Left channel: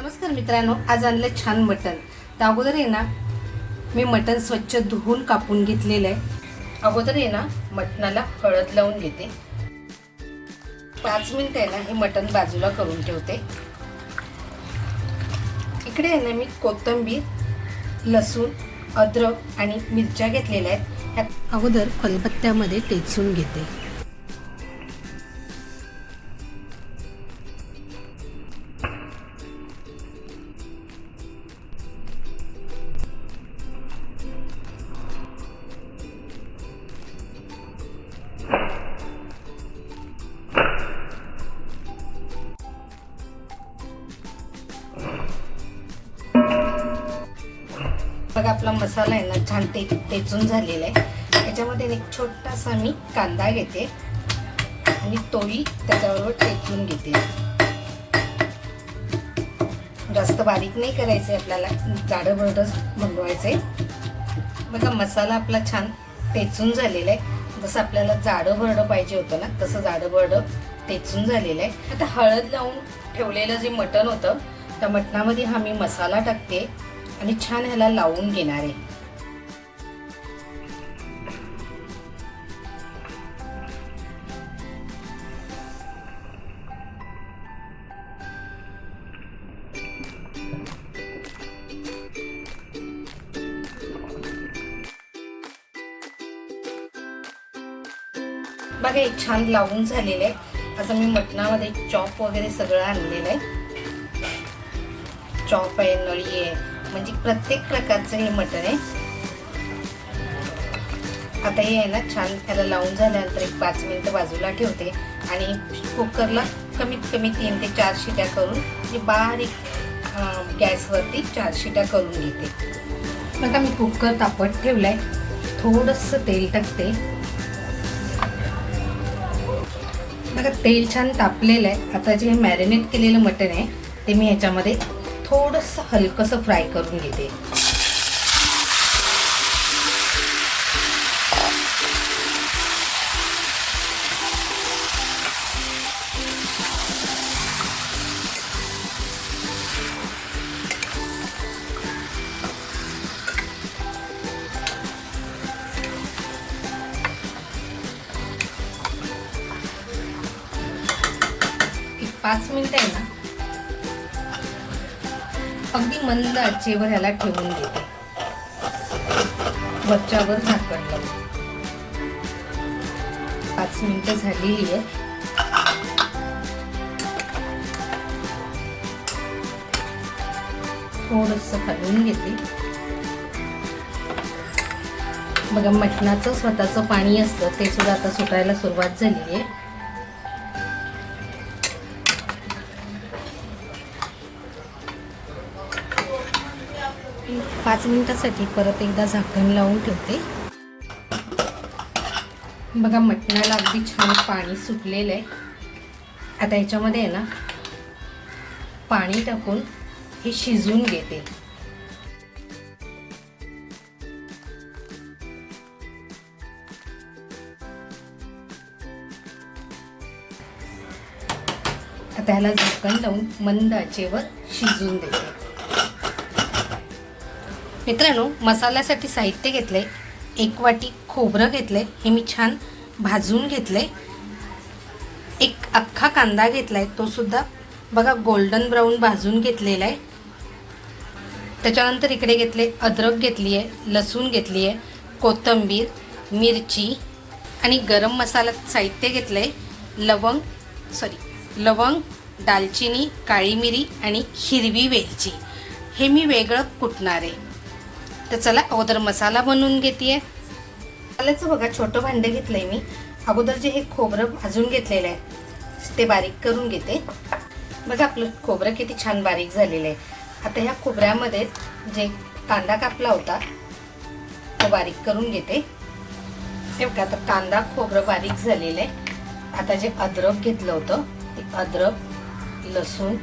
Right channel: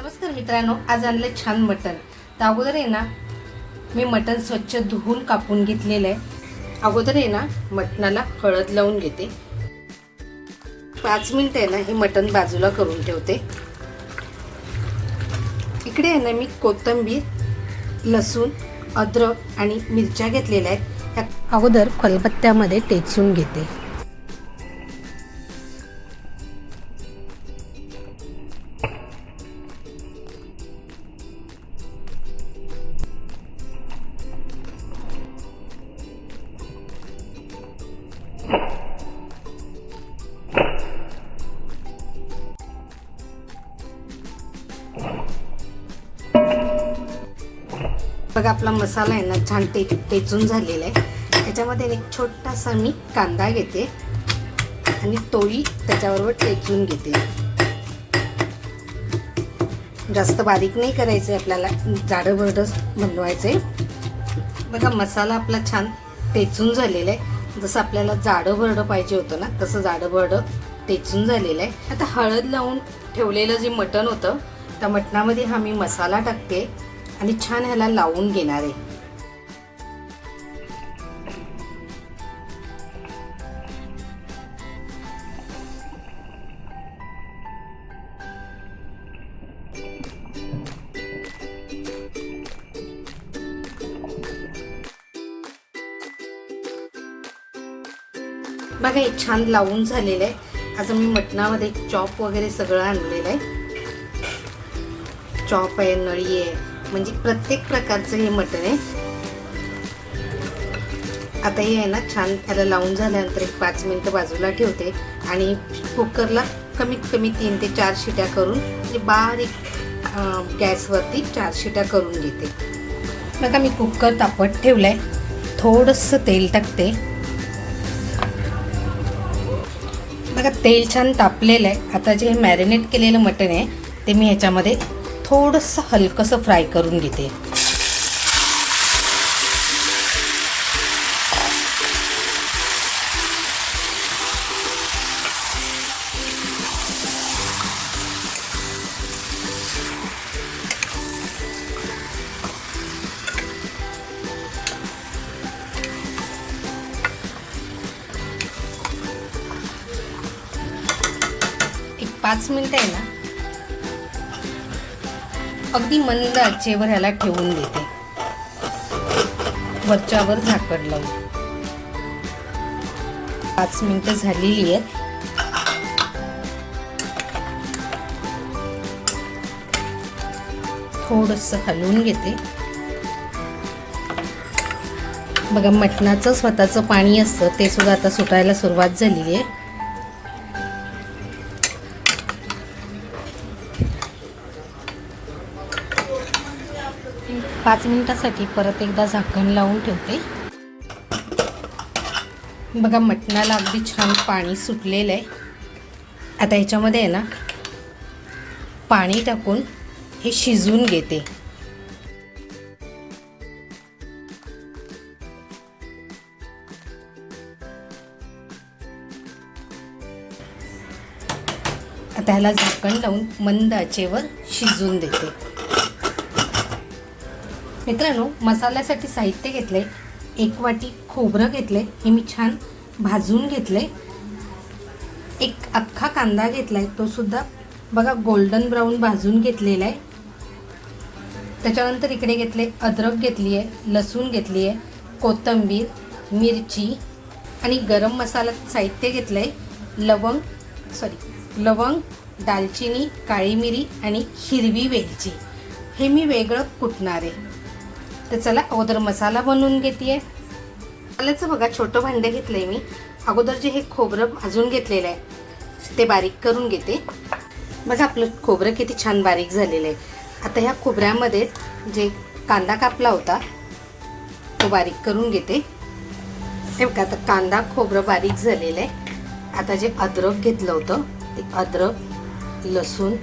नमस्कार मित्रांनो आज आणलं छान मटण. तर अगोदर आहे ना मी मटण स्वच्छ धुवून कापून घेतलेलं आहे. अगोदर आहे ना मटणाला हळद लावून घेते. पाच मिनिट आहे ना हे मटण बाजूला करून ठेवते. इकडे आहे ना मी कोथिंबीर लसूण अद्रक आणि मिरच्या घेतलेल्या आहेत. ह्या अगोदर खलबत्त्यामध्ये टेचून घेते. बघा आपला मसाला आहे ना छान ते टेचून झालेला आहे. त्याच्यामध्ये एक छोटासा मी कांदा घेते आणि तोही त्याच्याबरोबर टेचून घेते. जास्त बारीक नाही करायचं आपल्याला जाडं भरडच बनवायचं आहे बघा मसाला आपला छान टेचून झालेला आहे. जसं आपल्याला जाडं भरडं पाहिजे होतं ना तसं जाडं भरडं टेचून झालेलं आहे. आता हळद लावून ठेवलेलं जे मटण होतं त्या मटणामध्ये हा मी मसाला टाकते. आणि छान ह्याला लावून घेणार आहे. बघा हे छान लावून झालेलं आहे. आता मी मटणामध्ये चॉप वगैरे सगळं आणलेलं आहे. चॉप आहे नळी आहे म्हणजे प्रत्येक प्रकारचं हे मटण आहे. आता हे आहे ना छान त्याला लावून झाल्यानंतर एक पाच मिनिटं बाजूला ठेवते आणि कुकरला कमीत कमी तीन ते चार शिट्या करून म्हणजे बारीक गॅसवरती चार शिट्या करून घेते. बघा मी कुकर तापत ठेवलाय. थोडंसं तेल टाकते. बघा तेल छान तापलेलं आहे. आता जे मॅरिनेट केलेलं मटण आहे ते मी ह्याच्यामध्ये थोडंसं हलकंसं फ्राय करून घेते. पाच मिनिटं आहे ना? अगदी मंद आचेवर ह्याला ठेवून देते. वरच्यावर झाकण लावून. पाच मिनिटं झालेली आहेत. थोडस हलवून घेते. बघा मटणाचं स्वतःचं पाणी असतं ते सुद्धा आता सुटायला सुरुवात झालेली आहे. पाच मिनिटासाठी परत एकदा झाकण लावून ठेवते. बघा मटणाला अगदी छान पाणी सुटलेलं आहे. आता याच्यामध्ये आहे ना पाणी टाकून हे शिजवून घेते. आता ह्याला झाकण लावून मंद आचेवर शिजवून देते. मित्रांनो मसाल्यासाठी साहित्य घेतले एक वाटी खोबरं घेतले हे मी छान भाजून घेतले एक अख्खा कांदा घेतलाय. तो सुद्धा बघा गोल्डन ब्राऊन भाजून घेतलेला आहे. त्याच्यानंतर इकडे घेतले अद्रक घेतली आहे लसूण घेतली आहे कोथिंबीर मिरची आणि गरम मसाला साहित्य घेतलं आहे लवंग सॉरी लवंग दालचिनी काळी मिरी आणि हिरवी वेलची. हे मी वेगळं कुटणार. आहे तर चला अगोदर मसाला बनवून घेते मसाल्याचं बघा छोटं भांडे घेतलंय मी. अगोदर जे हे खोबरं भाजून घेतलेलं आहे ते बारीक करून घेते. बघा आपलं खोबरं किती छान बारीक झालेलं आहे. आता ह्या खोबऱ्यामध्ये जे कांदा कापला होता तो बारीक करून घेते. हे बघा आता कांदा खोबरं बारीक झालेलं आहे. आता जे अद्रक घेतलं होतं ते अद्रक लसूण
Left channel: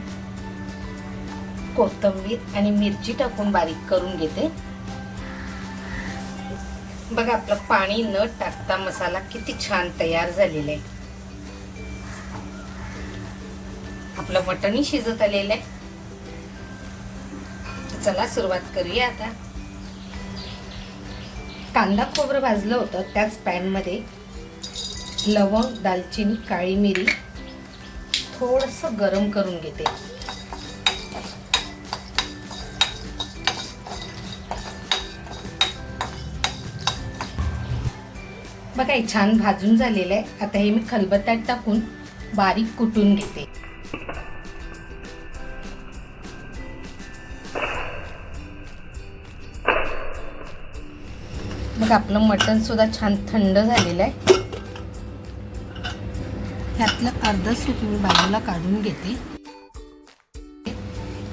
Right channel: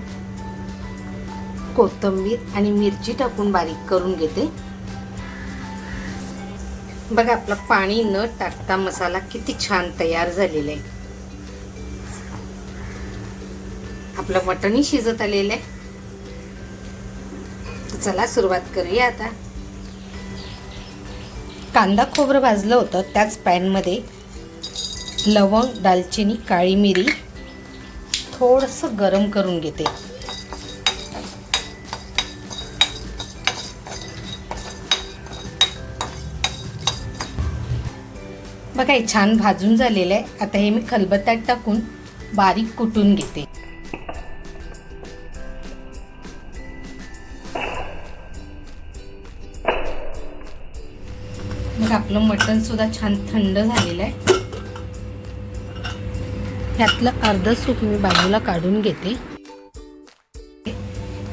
कोथिंबीर आणि मिरची टाकून बारीक करून घेते. बघा आपलं पाणी न टाकता मसाला किती छान तयार झालेला आहे. आपलं मटणही शिजत आलेलं आहे. चला सुरुवात करूया आता. कांदा खोबरं भाजलं होतं त्याच पॅनमध्ये लवंग दालचिनी काळी मिरी थोडंसं गरम करून घेते. बघा हे छान भाजून झालेलं आहे. आता हे मी खलबत्त्यात टाकून बारीक कुटून घेते. मग आपलं मटण सुद्धा छान थंड झालेलं आहे. त्यातलं अर्ध सूप मी बाजूला काढून घेते.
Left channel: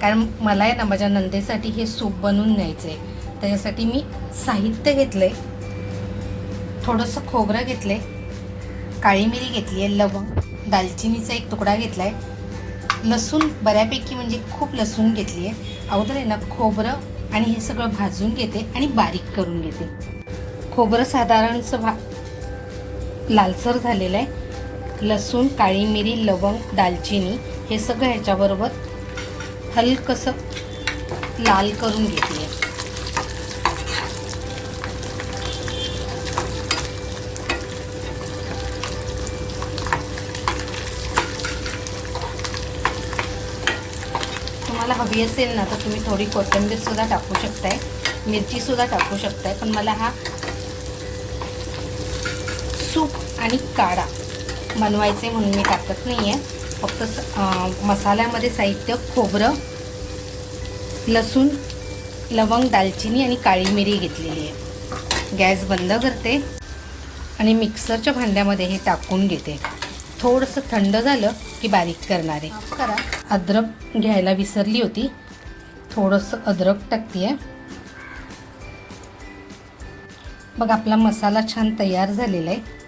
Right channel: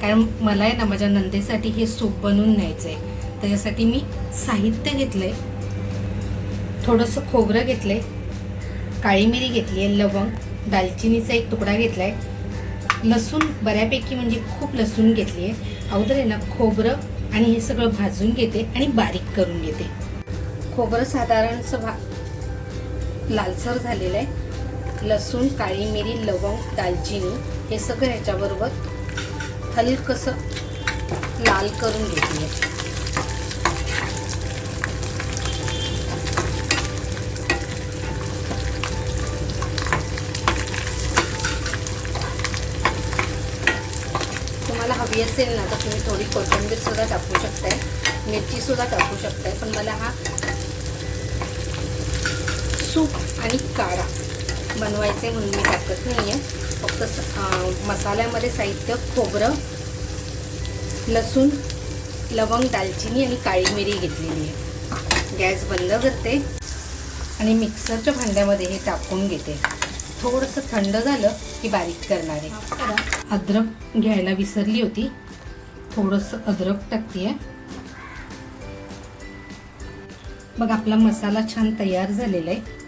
कारण मला आहे ना माझ्या नंदेसाठी हे सूप बनवून न्यायचं आहे त्याच्यासाठी मी साहित्य घेतलंय. थोडंसं खोबरं घेतले काळी मिरी घेतली आहे लवंग दालचिनीचा एक तुकडा घेतला आहे लसूण बऱ्यापैकी म्हणजे खूप लसूण घेतली आहे अगोदर आहे ना खोबरं आणि हे सगळं भाजून घेते आणि बारीक करून घेते. खोबरं साधारणचं भा लालसर झालेलं आहे. लसूण काळी मिरी लवंग दालचिनी हे सगळं ह्याच्याबरोबर हलकंसं लाल करून घेतले तुम्हाला हवी असेल ना तर तुम्ही थोडी कोथिंबीरसुद्धा टाकू शकताय. मिरचीसुद्धा टाकू शकताय. पण मला हा सूप आणि काढा बनवायचे म्हणून मी टाकत नाही आहे फक्त स- मसाल्यामध्ये साहित्य खोबरं लसूण लवंग दालचिनी आणि काळी मिरी घेतलेली आहे. गॅस बंद करते आणि मिक्सरच्या भांड्यामध्ये हे टाकून घेते. थोडंसं थंड झालं की बारीक करणारे. करा अद्रक घ्यायला विसरली होती. थोडंसं अद्रक टाकते मग आपला मसाला छान तयार झालेला आहे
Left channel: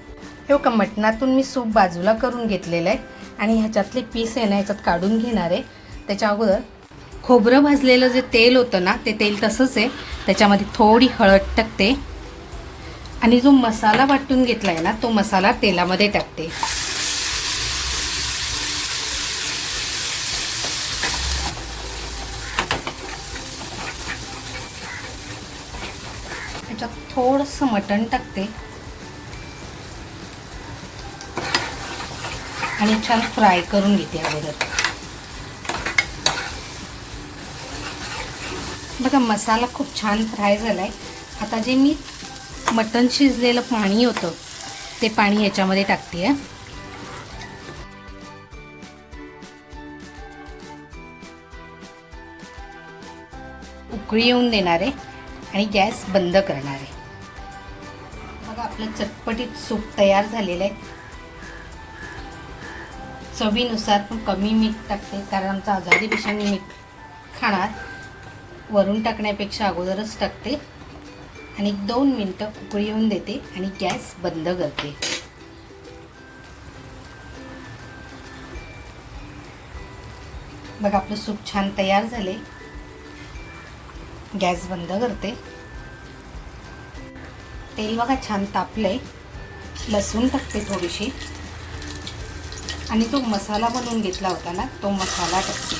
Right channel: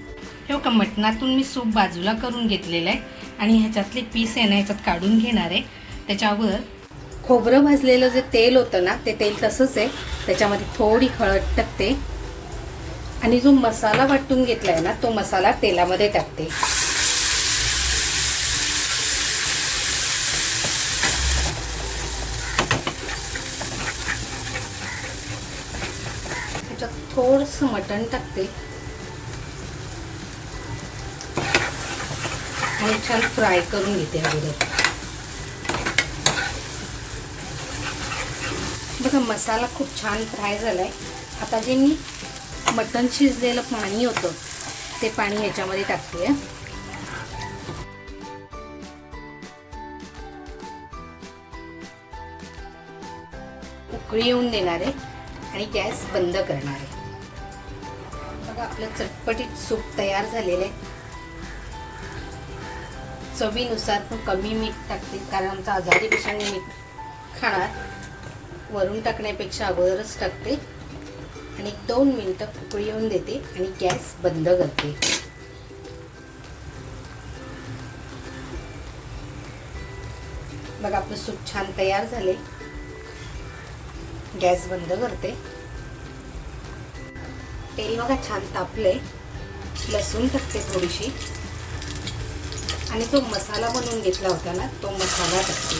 हे का मटणातून मी सूप बाजूला करून घेतलेलं आहे आणि ह्याच्यातले पीस आहे ना ह्याच्यात काढून घेणार आहे. त्याच्या अगोदर खोबरं भाजलेलं जे तेल होतं ना ते तेल तसंच आहे. त्याच्यामध्ये थोडी हळद टाकते. आणि जो मसाला वाटून घेतला आहे ना तो मसाला तेलामध्ये टाकते. थोडंसं मटण टाकते. आणि छान फ्राय करून घेते अगोदर. बघा मसाला खूप छान फ्राय झालाय. आता जे मी मटण शिजलेलं पाणी होतं ते पाणी याच्यामध्ये टाकते उकळी येऊन देणार आहे आणि गॅस बंद करणार आहे. आपलं चटपटीत सूप तयार झालेलं आहे. चवीनुसार पण कमी मीठ टाकते कारण आमचा आजारी पेशाने मीठ खाणार. वरून टाकण्यापेक्षा अगोदरच टाकते. आणि दोन मिनटं उकळी येऊन देते आणि गॅस बंद करते. बघा आपलं सूप छान तयार झाले. गॅस बंद करते. तेल बघा छान तापलंय. लसूण टाकते थोडीशी. आणि जो मसाला बनवून घेतला होता ना तो मसाला टाकते.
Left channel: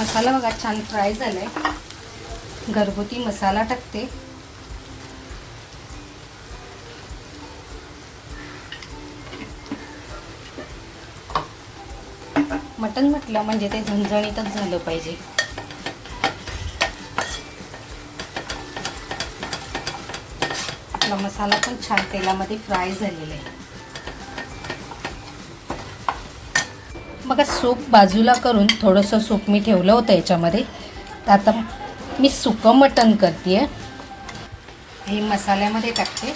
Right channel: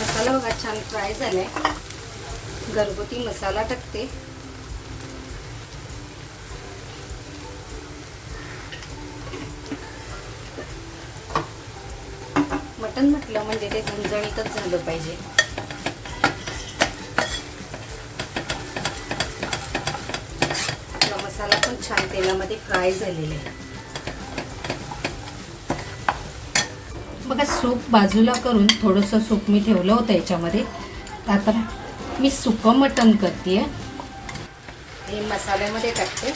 मसाला बघा छान फ्राय झालाय. घरगुती मसाला टाकते. मटण म्हटलं म्हणजे ते झणझणीतच झालं पाहिजे. आपला मसाला पण छान तेलामध्ये फ्राय झालेला आहे. बघा सूप बाजूला करून थोडंसं सूप मी ठेवलं होतं याच्यामध्ये. तर आता मी सुकं मटण करते हे मसाल्यामध्ये टाकते.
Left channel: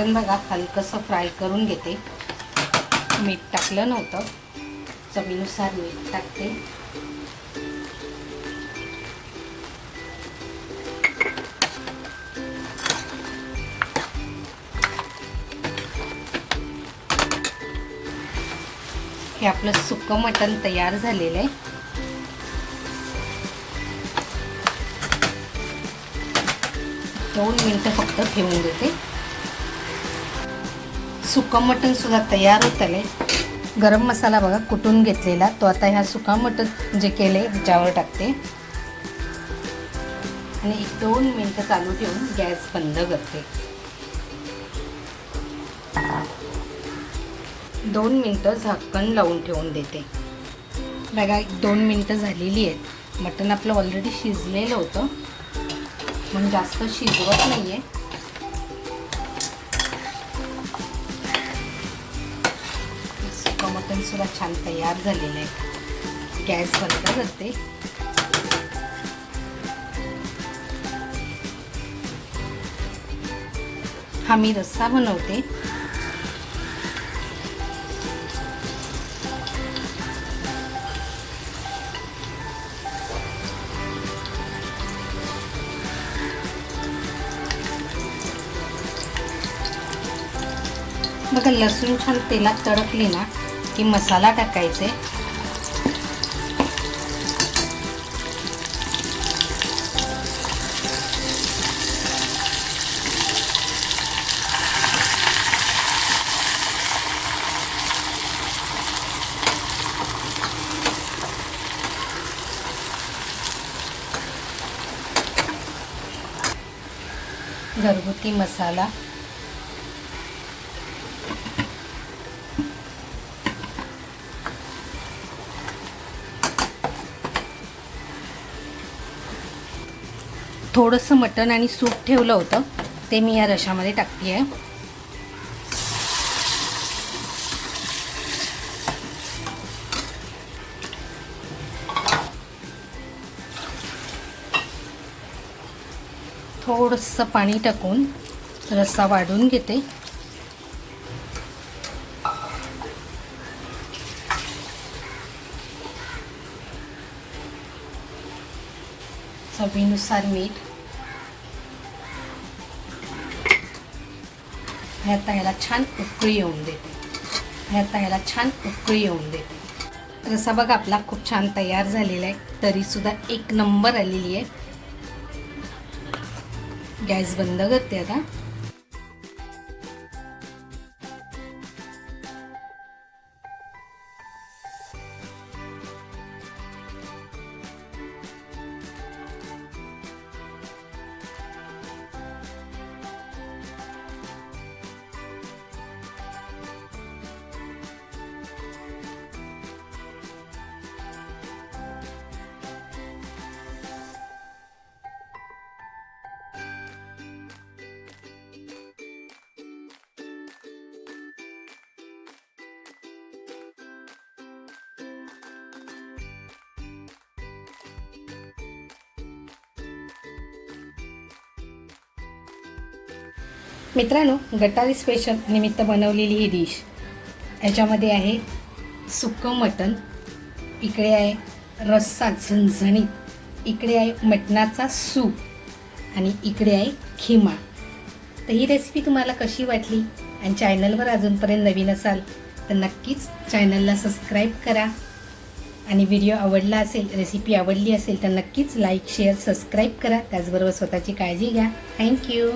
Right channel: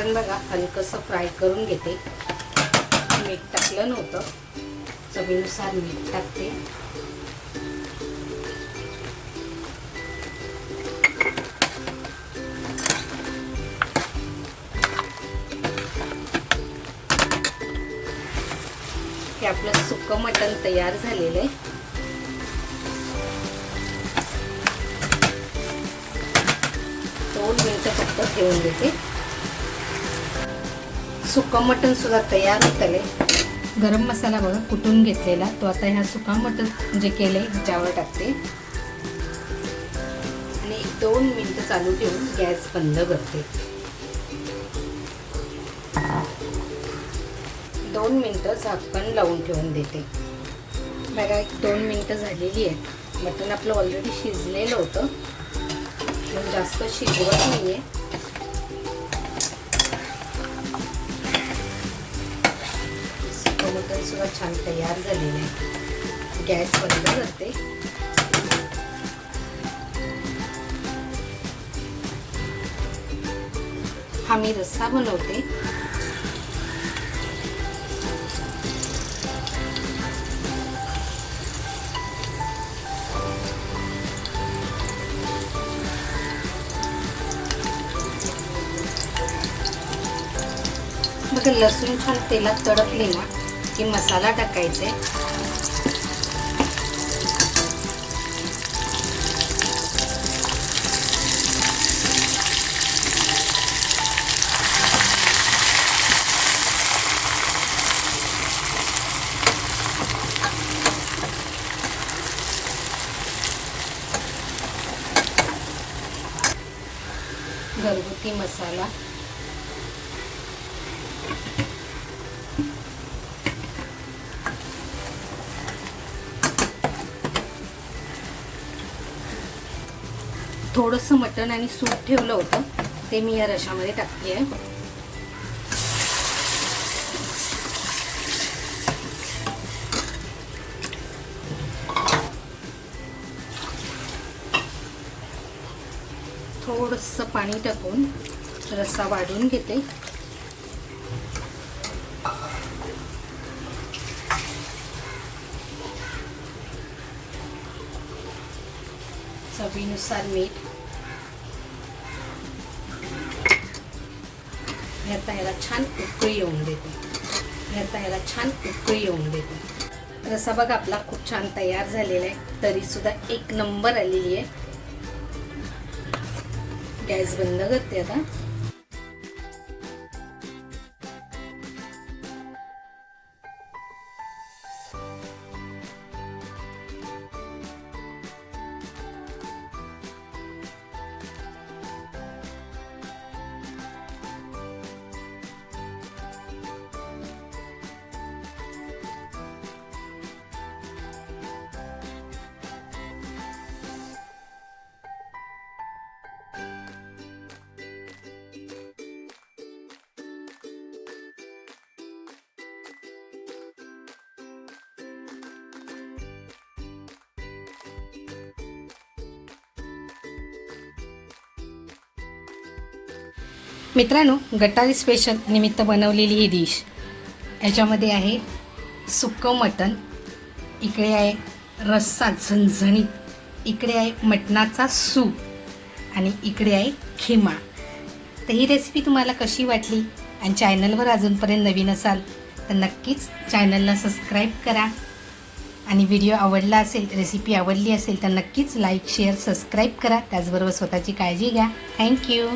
मटण बघा हलकंसं फ्राय करून घेते. मीठ टाकलं नव्हतं. चवीनुसार मीठ टाकते. हे आपलं सुकं मटण तयार झालेलं आहे. दोन मिनटं फक्त ठेवून देते. सुकं मटण सुद्धा तयार होत आले गरम मसाला बघा कुटून घेतलेला. तो आता ह्या सुका मटण जे केले ह्याच्यावर टाकते. आणि एक दोन मिनटं चालू ठेवून गॅस बंद करते. दोन मिनटं झाकण लावून ठेवून देते. बघा एक दोन मिनटं झालेली आहेत. मटण आपलं ऑलरेडी शिजलेलं होतं. पण जास्त शिजवत नाही आहे छान तयार आहे गॅस बंद करते. हा मी रस्सा बनवते. बघा लसूण छान तेलात तडकली ना. की मसाला टाकायचे. घरगुती मसाला. थोडंसं मटण आणि सूप ठेवलं होतं. ते मी या रशामध्ये टाकते आहे थोडंसं पाणी टाकून रस्सा वाढून घेते. चवीनुसार मीठ आता याला छान उकळी येऊन देते. आता ह्याला छान उकळी येऊन देते. रसा बघा आपला खूप छान तयार झालेला आहे. तरी सुद्धा एक नंबर आलेली आहे. गॅस बंद करते आता. मित्रांनो गटारी स्पेशल निमित्त बनवलेली ही डिश याच्यामध्ये आहे सुक्कं मटण इकडे आहे रस्सा झणझणीत इकडे आहे मटणाचा सूप आणि इकडे आहे खिमा. तर ही रेसिपी तुम्हाला कशी वाटली आणि चॅनलवर अजूनपर्यंत नवीन असाल तर नक्कीच चॅनलला सबस्क्राईब करा. आणि व्हिडिओ आवडला असेल रेसिपी आवडली असेल तर नक्कीच लाईक शेअर सबस्क्राईब करा. त्याचबरोबर स्वतःची काळजी घ्या. थँक्यू